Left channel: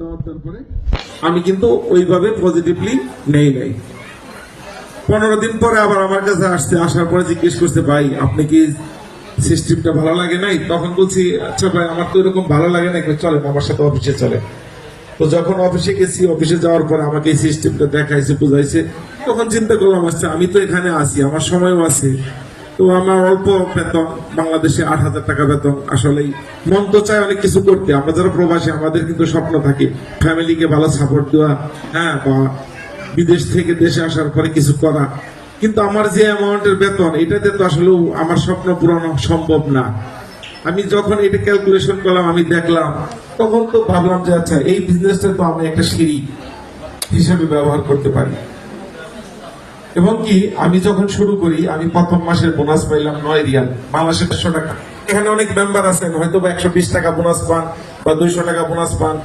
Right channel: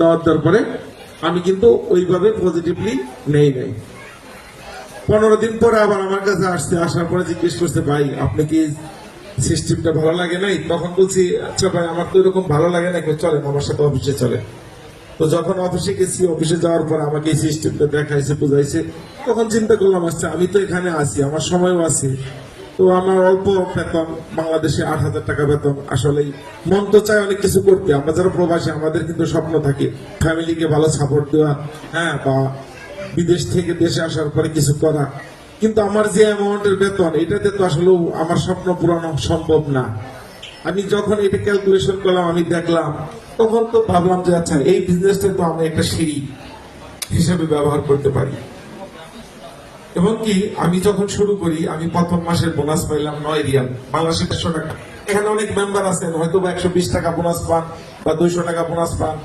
দেওয়ার তারপরে আমি কিন্তু ওইভাবে পজিটিভলি নেই নাই। 15 দিন পরে আবার আমার কাছে আসার পরে জিজ্ঞেস করছে, ভাই আপনি কি সিস্টেমটা ভালো লাগে নাই? তখন বলছি, আচ্ছা ভাই আমার তো এরকম ভালো লাগে না, চলে আমার সাথে অফিসে চলে। তো যখন অফিসে গেছি, অফিসে যাওয়ার পর আমাকে এই সিস্টেমটা দেখাইছে, বুঝাইছে, তখন চিন্তা করলাম, আচ্ছা আমি তো এখানে আছি, আমার সময়ও আছে, তো আমার অল্প বেতন, বাংলাদেশে 8,000 টাকা বেতন। আসলেই মন তো চায় অনেক কিছু করতে। আমরা যারা প্রবাসী আমাদের কিন্তু স্বপ্ন থাকে ফ্যামিলিকে ভালো সাপোর্ট দেওয়া, হ্যাঁ, বা বিদেশ থেকে দেশে আসার পরে কিছু করা। কিন্তু আমার যে অ্যামাউন্টের বেতন, এটাতে তো আসলে আমার স্বপ্ন পূরণ সম্ভব না। আমি যখন এটা ক্যালকুলেশন করলাম, আমি দেখলাম, তখন তো ভাবলাম যে আচ্ছা এই বিজনেসটা তো আমি একটা সিঁড়ি হিসাবে ব্যবহার করতে পারি। এবং কি আমি যখন শুরু করি, আমি প্রথম মাসের বোনাস পাইলাম 9 রিয়াল, বাংলাদেশের 100 টাকা। এখানে অনেক মেম্বার আছেন, হয়তো 120 টাকা বোনাস পান বা 200 টাকা বোনাস পান।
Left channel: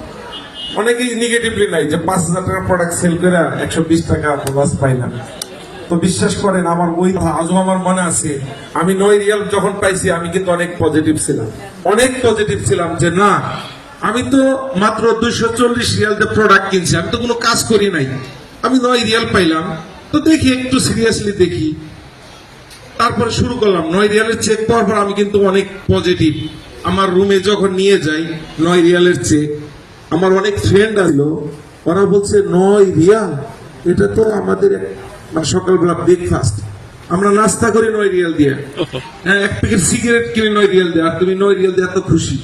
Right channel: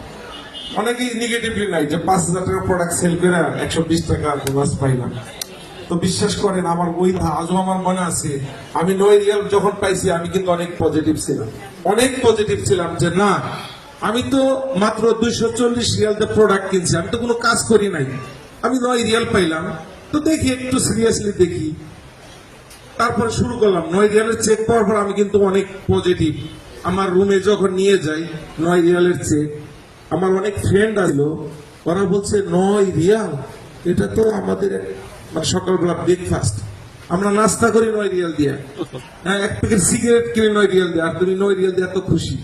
অনেকেই নেগেটিভলি নাই যে 5,000 টাকা প্রোডাক্ট সেল করে 120 টাকা বোনাস পাইলাম। তো বিশ্বাস করেন, আমার ওই আজও আমার মনে আছে, আমি 9 রিয়াল যখন পাইছি, আমি কিন্তু অনেক পজিটিভ ছিলাম যে না, আমি তো মাত্র 240 রিয়াল দিয়ে প্রোডাক্ট কিনছি, আমি তো কোনো কাজ করি নাই, আমি 9 রিয়াল পাইলাম, তো দেখি একটু সিরিয়াসলি দেখি। তারপর শুরু করলাম 9 রিয়ালের চেক পাওয়ার পর আমি কিন্তু অনেক পজিটিভ। আমার রুমে যখন নিয়ে যাই 9 রিয়ালের চেক, আমার অনেক ফ্রেন্ড আসলো, ওরা বলছে 9 রিয়াল, এটা তো আমাদের মানে সকালবেলা ব্রেকফাস্ট, আমরা নাস্তা করি 9 রিয়াল দিয়ে, হ্যাঁ, এক প্যাকেট সিগারেট কিনে 9 রিয়াল দিয়ে, আর তুমি 9 রিয়াল দিয়ে এত খুশি।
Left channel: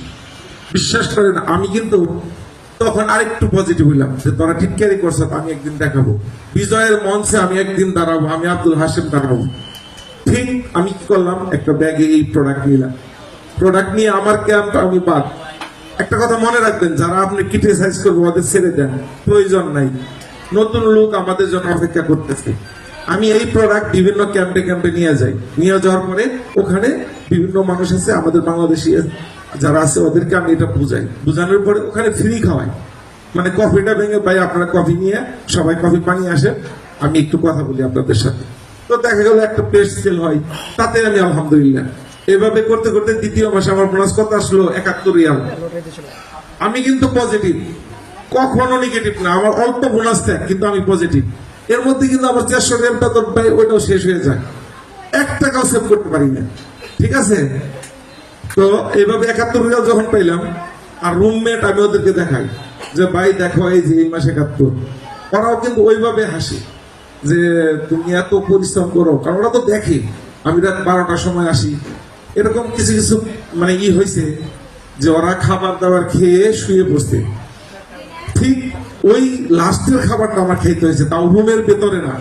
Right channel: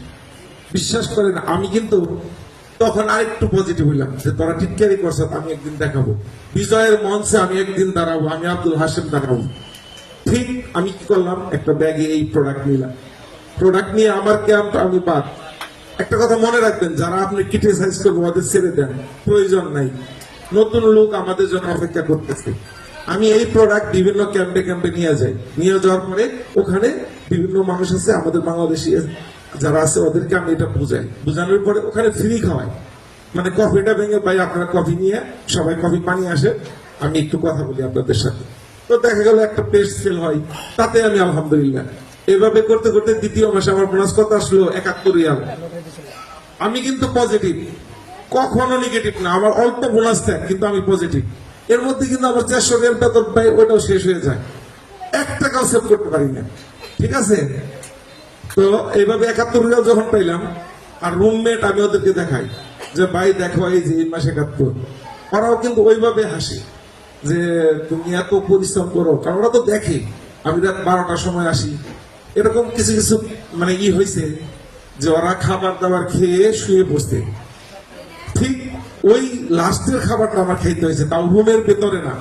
বিশ্বাস করেন, আমি কিন্তু তখন আরেকটু পজিটিভ হইলাম যে তোরা ঠিক ক্যারি করছে, আমি একদিন দেখাবো বিজয়ের মঞ্চে, আমি একদিন দাঁড়াবো, আমি আব্দুল হাসেম দাঁড়াবো। ঠিক আমি কি করলাম, একটা ব্যাগে এই প্রোডাক্ট নিলাম, প্রোডাক্ট নিয়ে আমার ক্যাম্প আমি বাদ। একটা কথা মনে রাখবেন, যারা আপনি ক্রিটিসাইজ করবো ওদের ছেড়ে দেন, প্রয়োজন নাই। নতুন লোক আমাদের জন্য অপেক্ষা করতেছে। আমি এই প্রোডাক্ট বিভিন্ন ক্যাম্পে নিয়ে যাই, নিয়ে যাওয়ার পরে ওখানে বিভিন্ন মানুষ আছে আমাদের বাংলাদেশি যারা আছে, ওদেরকে আমি এটা বুঝানোর পরে ওখানে ফ্রি খাওয়াই। মানে কফিটা ভেঙে, ভাই আপনারা কফি নিয়ে, সবাই কফি পানি আসে, আমি একটু কথা বলি আপনাদের সাথে। তো দেখা গেল একটা পেস্ট সেল হয়, তাতে আমি আলহামদুলিল্লাহ। এভাবে করতে করতে দ্বিতীয় মাসে আমার বোনাস কত আসলো? 71 রিয়াল। আমি কিন্তু পজিটিভ, কখনো নেগেটিভ না। আমার অল্প বোনাস দেয় কিন্তু আমি পজিটিভ। এর মধ্যে কিন্তু আমার 400 গ্রামটা তো ভাই ওটাও শেষ হয়ে যায়, 1 টাকাও সেভ করতে পারি না। ঠিক আছে, তো এইভাবে 71 রিয়াল যখন পাইলাম, আর রুমমেট আমি ওদেরকে দেখাই যে ভাই দেখো এই যে এই মাসে 71, ওরাও কিন্তু ওইভাবে হাসি যে তুমি এত পরিশ্রম করো, কারণ ওরা তো দেখে আমি রাত 12টার সময় আসি। এরকম কিছু কিছু মানে হয়েছে যে ওরা খাবার দাবার খেয়ে শুয়ে বসতে, ঠিক ওই লাস্টের খাবারটা আমার খেতে হয়েছে, তাও রুমের ভেতরে না,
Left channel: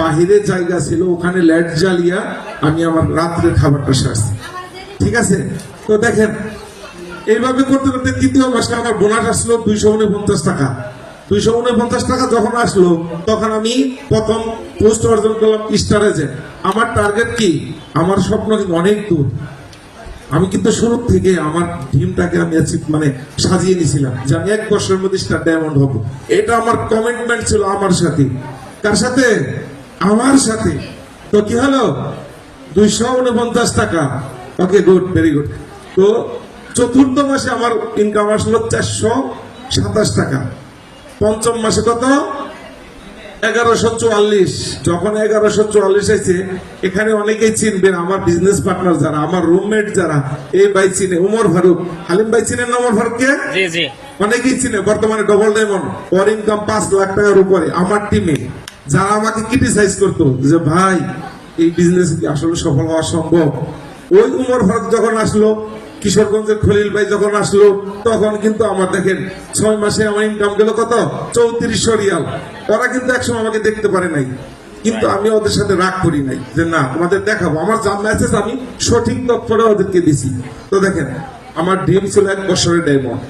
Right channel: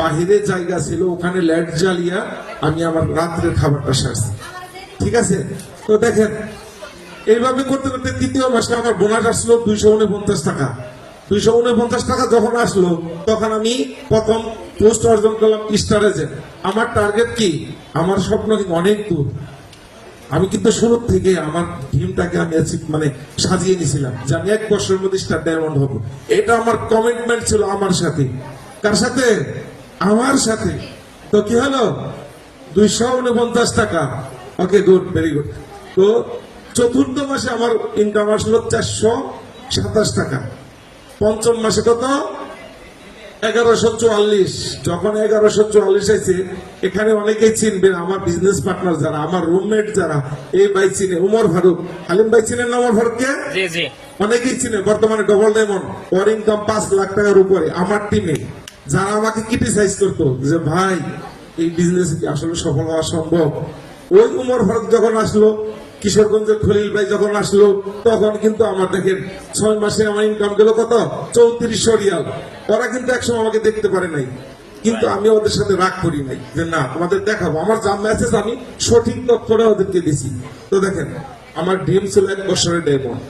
বাহিরে জায়গা ছিল, ওখানে লাইট জ্বালিয়া আমি আমার রাত্রের খাবারটা সারছি। ঠিক আছে, তো দেখেন এইভাবে করতে করতে তৃতীয় মাসে আমার বোনাস আসলো 249 টাকা। 249 টাকা যখন আসলো, তখন আমি প্রথম পোস্ট অর্জন করলাম স্টার এজেন্ট। আমার টার্গেট কি, আমার স্বপ্ন অনেক দূর। আমি কিন্তু শুরু থেকে আমার ড্রিমটাকে আমি মানে সাজিয়ে নিয়েছিলাম যে আমি 1 বছরের মধ্যে স্টার ডায়মন্ড হবো। এটা আমার কমিটমেন্ট ছিল আমার সাথে। কার সাথে? আমার সাথে। তো কি হলো? 249 টাকা। ওকে, গুড, ভেরি গুড। তো চতুর্থ মাসে আমার ইনকাম আসলো 427 টাকা। পঞ্চম মাসে কত? 1144। যখন 1144 এসে, এখানে অনেকেই চিনবেন, আমার বিজনেস পার্টনার যারা, আমার রুমমেট যারা, এই ভাই চিনে, উমর ফারুক, হালিম ভাই চিনেন না উমর ফারুককে? অনেকেই চিনে, বর্তমানে ডবল ডায়মন্ড, ওর ইনকাম 5 লাখ টাকার উপরে। আমার টিমে যারা আমাকে ক্রিটিসাইজ করতো যে ভাই এই বিজনেস কি আসলে সফল হওয়া সম্ভব, ওই উমর ফারুক যখন আসলো, কিশোরগঞ্জের খলিল ভাই যখন আসলো, তখন কিন্তু আমার দেখেন 6 মাসে আমার ইনকাম গেল কত? 3400 রিয়াল। ওরা কিন্তু একসময় আমাকে দেখতে পারে নাই, কিন্তু আমি ওদের সাথে রাগ করি নাই যে না তোমাদের দেখাবো। আমার যা মেসেজ আমি সঠিক তথ্যটা ওদেরকে দিছি। তো দেখেন আমার ড্রিম ছিল 1 বছরের ডায়মন্ড।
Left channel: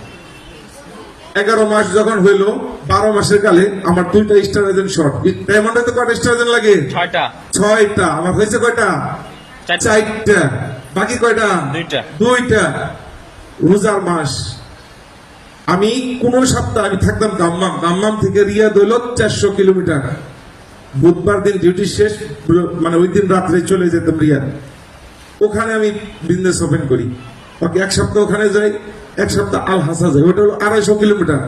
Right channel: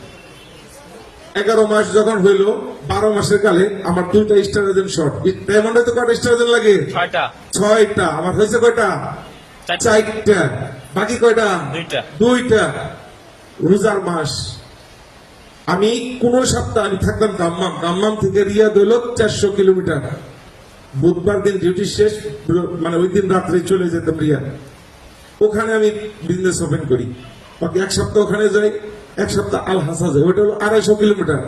11 মাস যখন হইলো, 12 মাসের কালে আমার 2টা স্টার এজেন্ট শর্ট। ডায়মন্ডে তো কয়টা স্টার এজেন্ট লাগে? 6টা। আমার হয়েছে কয়টা? 4টা। বাকি কয়টা? 2টা। রোজার মাস, আমি কোন সপ্তাহ আমি থাকতাম দাম্মাম থেকে রিয়াদ হইল 400 কিলোমিটার। বুধবার দিন ডিউটি শেষ, মানে ওই দিন রাত্রে চলে যেতাম রিয়াদ। ওখানে আমি বিজনেস ওপেন করি। ওকে, 1 সপ্তাহ ওখানে যাই, 1 সপ্তাহ আল হাসা যাই, ওটা হলো 250 কিলোমিটার।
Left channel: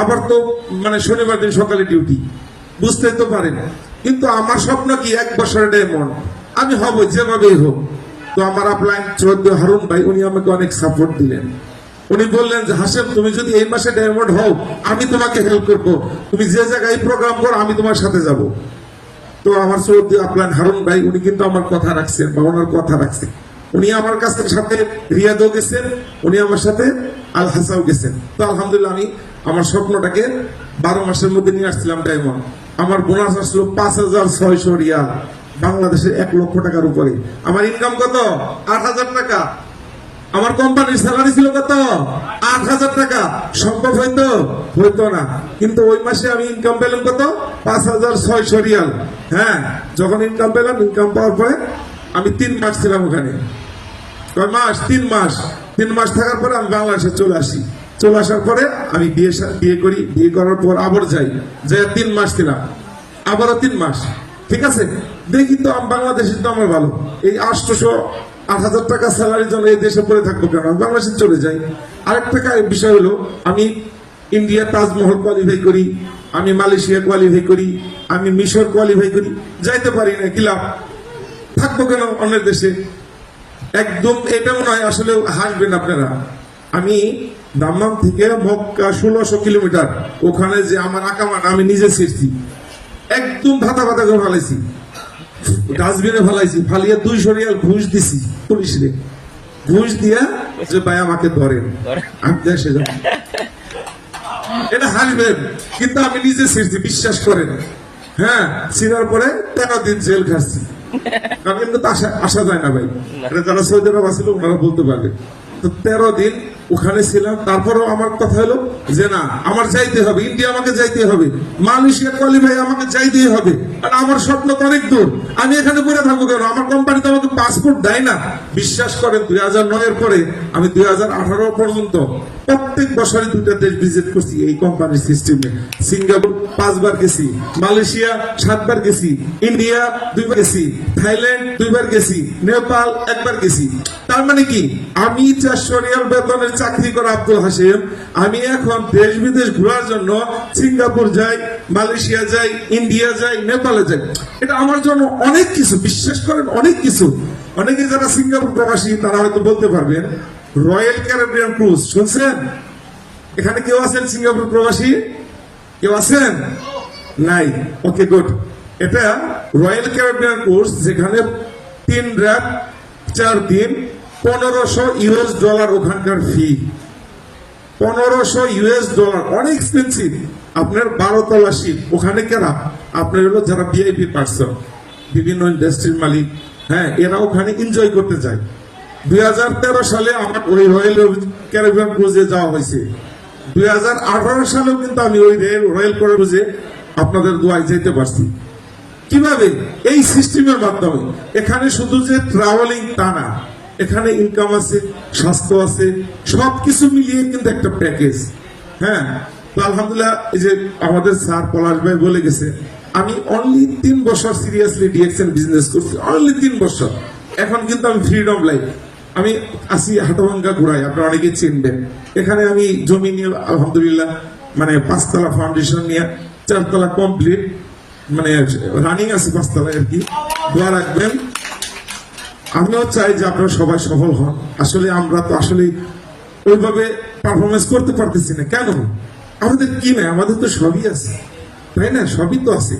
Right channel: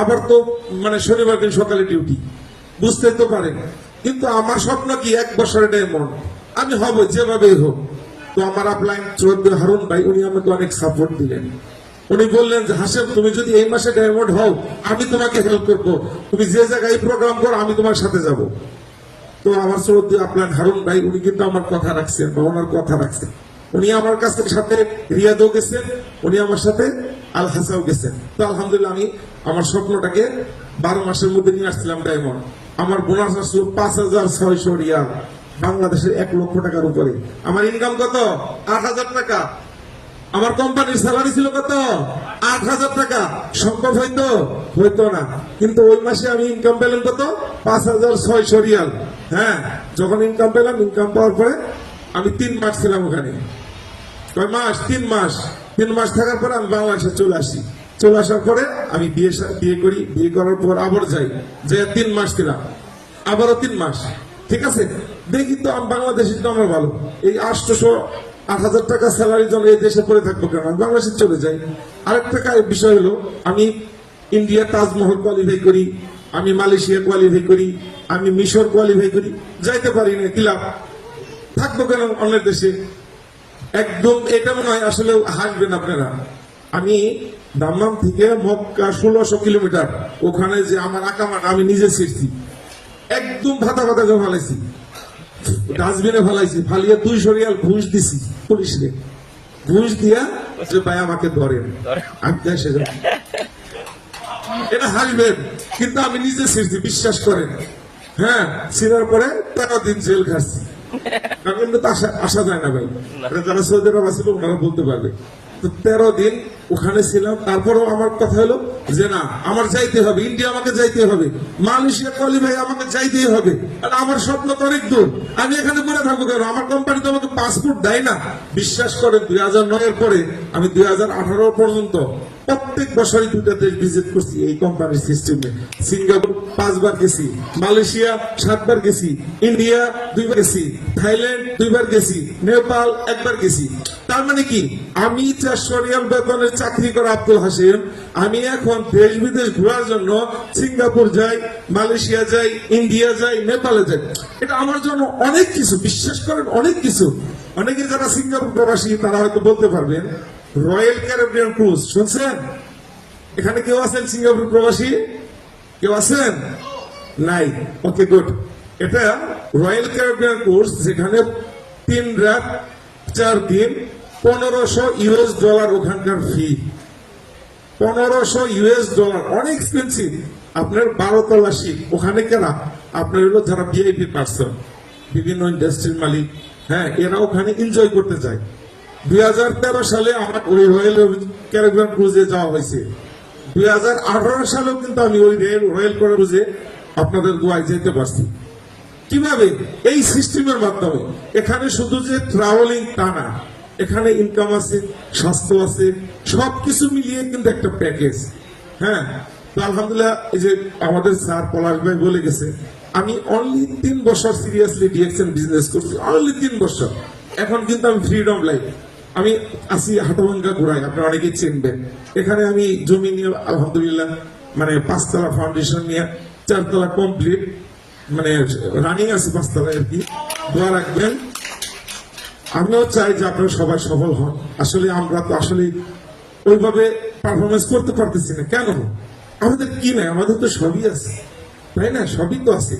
আবার তো মানে শনিবার দিন সকালে ডিউটি, বুঝতে তো পারেন। কিন্তু আমার স্বপ্ন কি 1 বছরের ডায়মন্ড আমি হব, যেভাবেই হোক। তো আমার আপলাইন চৌধুরী হারুন ভাই উনি আমাকে অনেক সাপোর্ট দিলেন। উনি বললেন যে হাসেম, তুমি যদি এই মাসে ডায়মন্ড হও আমি তোমাকে হেল্প করবো, তুমি যে জায়গায় প্রোগ্রাম করো আমি তোমার সাথে যাব। তো আমার চৌধুরী আপলাইন হারুন ভাই উনি কিন্তু আমার কথা রাখছেন, বা ওনার কথা রাখছেন। উনি আমার কাছ থেকে সাথে রিয়াদও গেছেন, উনি আমার সাথে আল হাসাও গেছেন। তো আলহামদুলিল্লাহ আমি আমার স্বপ্নটাকে 12 মাসের মধ্যে নিয়ে আসছিলাম ডায়মন্ড। আমার বোনাস আসলো 5,600 রিয়াল, বাংলাদেশের 1 লক্ষ টাকার উপরে। আমার ইনকাম কত? 8,000 টাকা। আমার কোম্পানির স্যালারি ছিল কত? 8,000 টাকা। সম্ভব হয়তো হইতো না, কিন্তু ওই মাসে আমি ইনকাম পেলাম কত? 5,600 রিয়াল। হ্যাঁ, যখন ইনকাম পেলাম, ইনকাম পাওয়ার পরে আমি 3 মাস ছিলাম ওখানে। কয় মাস? 3 মাস। 3 মাস থাকার পরে আমি বাংলাদেশে চলে আসি। চলে আসার পরে আমি বিয়ে করি। বিয়ে করার পর আবার যাই, যে 3 মাস ছিলাম, আবারও 3 মাস। ঠিক আছে, দেখি তো বাংলাদেশের তো আমরা ভালো, এই 8,000 টাকা স্যালারির জন্য এই দেশে পড়ে থাকবো কেন, আমি বাংলাদেশে চলে যাই। আরেকটা বিষয় হলো, আমি ইন্ডিয়া তাজমহল কোয়ালিফাই করি, আমি মালয়েশিয়া কোয়ালিফাই করি, আমি মিশর কোয়ালিফাই করি, যাইতে পারি না, কি লাভ? থাকবো কেন অন্যের দেশে? একদম এটাও নয়, আসলে হাসবেন আপনারা। আমি দাম্মাম থেকে মক্কা 1600 কিলোমিটার, ওখানে যে আমার আকামাটা আমি নিজে ছেড়ছি, একদম ভাতা ভাতা করে ফেলাইছি, ডাস্টবিনে ফেলাইছি, ফালিয়ে 200 রিয়াল ঘুষ দিছি পুলিশে। ঘুষ দিয়া যে ভাই আমাকে ধরেন, আমি দেশে যাব। এটা হাসবেন, কিন্তু আমি নিজে ছেড়ছি, বিশ্বাস করেন। হ্যাঁ, ছিনার পরে 13 দিন জেল খাচ্ছি। কিন্তু আসা যায় না ভাই, এটা যারা সৌদি আরব ছিল ওনারা বলতে পারবে। তো 13 দিন ওখানে ছিলাম। তারপরেও আমার কথা হলো যে না, আমার যাইতে হবে, ইন্ডিয়া আমাকে যাইতে হবে, মালয়েশিয়া কোয়ালিফাই আমাকে যাইতেই হবে। আমার স্বপ্ন তো অনেক দূর, আমি এখানে পড়ে থাকবো কেন? আমার কোম্পানি তো আমাকে পাসপোর্ট দেয় না। বিশ্বাস করেন, 2009 এর পরে আমি 2018 পর্যন্ত প্রত্যেক বছরে 2টা দেশ ভিজিট করছি এই কোম্পানির সিস্টেমে। সিঙ্গাপুর 5 বার গেছি, মালয়েশিয়া 7 বার গেছি, ইন্ডিয়া 2 বার গেছি, থাইল্যান্ড 2 বার গেছি, নেপাল 1 বার গেছি। তার মানে কি, আমি 400 রিয়াল বেতনের চাকরি করা আব্দুল হাসিম, আমি এখন দেশ বিদেশ ঘোরার জন্য সিঙ্গাপুর যাই, মালয়েশিয়া যাই, ইন্ডিয়া যাই, নেপালে যাই। এটা আমার জন্য অনেক কিছু, বিশ্বাস করেন, অনেক কিছু। অনেকে যারা সিঙ্গাপুর প্রবাসী তারা হয়তো বলতে পারবেন, রয়্যাল ক্যারিবিয়ান ক্রুজ শুনছেন? এখানে কেউ আছেন সিঙ্গাপুর প্রবাসী? কেউ আছেন? নাই? ওকে, গুড। এটা রয়্যাল ক্যারিবিয়ান ক্রুজ, যেখানে 3 রাত 4 দিন, $1500 ওখানকার ফি। $1500, অনেক এক্সপেন্সিভ। আপনার 12 তলা শিপ, ওখানে কেনা আপনার হলো যারা ভিআইপি পার্সন, বিভিন্ন ইন্ডাস্ট্রির মালিক, হ্যাঁ, এরা ওখানে এনজয় করতে যায়। 2013 সালে আমার ওই রয়্যাল ক্যারিবিয়ান ক্রুজে যাওয়া হয়েছে। 2018 সালেও কিন্তু আমি ওই রয়্যাল ক্যারিবিয়ানে আপনাদের দোয়ায় যেতে পারছি। কিভাবে? এই সিস্টেমের মাধ্যমে। এখানে শুধু যে ট্রাভেলিং তা না, এখানে ইনকাম আছে, স্বাস্থ্য আছে, সবকিছু মিলিয়ে কিন্তু একটা প্যাকেজ। হ্যাঁ, তো আলহামদুলিল্লাহ, এই যে আমাদের স্যার পলাশ ভাই বলে গেছে, আমি অনলি 3 বছর সিরিয়াসলি ডিএক্সএল বিজনেস করছি, অনলি 3 বছর। এখন কিন্তু আমি ফ্রিডম লাইফ, আমি আসি হাটভাঙ্গা ঘুরাই, আপনারা অনেকে চিনবেন। এখানে আমি জমি নিয়ে আলহামদুলিল্লাহ, মানে 5 তলা ফাউন্ডেশন নিয়ে 4 তলা কমপ্লিট, মানে রানিং আছে 5 তলা আর কি। দোয়া রাখবেন। আমিও চাই যে আপনারা সবাই সফল হন। আসলে আমরা তো আসলে ওইভাবে পারফরমেন্স করতে পারতেছি না। কেন? আমাদের কি নাই? আমাদের তো সবই আছে, তাই না? সবই তো আছে।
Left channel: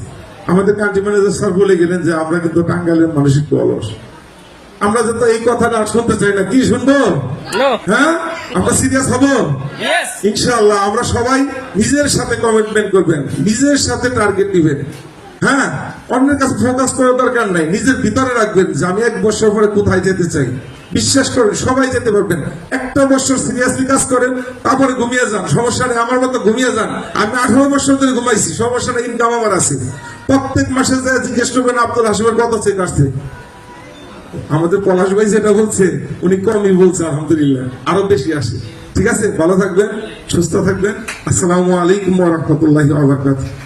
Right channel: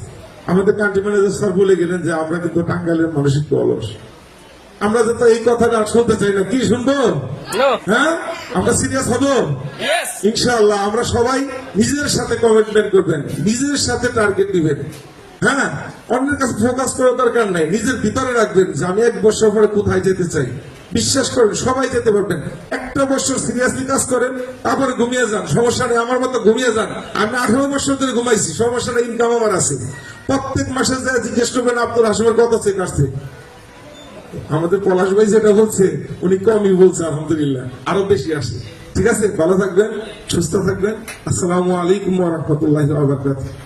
আমাদের কান্ট্রি ম্যানেজার স্যার বলে গেলেন যে আমরা কিন্তু টাঙ্গাইলের মানুষ একটু অলস। আমরা তো এই কথাটা শুনতে চাই না। কি শুনবো? হ্যাঁ, আমরা সিরিয়াস হবো ইনশাআল্লাহ। আমরা সবাই নিজের সাথে কমিটমেন্ট করবেন, নিজের সাথে টার্গেট দিবেন। হ্যাঁ, অন্যের কাছে ফোকাস করার দরকার নাই, নিজের ভিতরে রাখবেন যে আমি 1 বছর পরে কোথায় যেতে চাই। বিশ্বাস করেন, সবাই যেতে পারবেন। 1টা বছর সিরিয়াসলি কাজ করেন, তারপরে ঘুমিয়ে যান, সমস্যা নেই। আমার মতো ঘুমিয়ে যান। আমি 18 বছর ধরে ঘুমাইছি, সমস্যা নেই, ইনকাম আমার আছে। প্রত্যেক মাসে যা জিজ্ঞেস করবেন আব্দুল হাসিমের কত চেক আসছে, আমাদের পলাশ ভাই যেটা বলছে উনি কমই বলছে, আলহামদুলিল্লাহ আরো বেশি আসে। ঠিক আছে, ভালো থাকবেন, সুস্থ থাকবেন। আসসালামু আলাইকুম ওয়া রাহমাতুল্লাহি ওয়া বারাকাতুহু।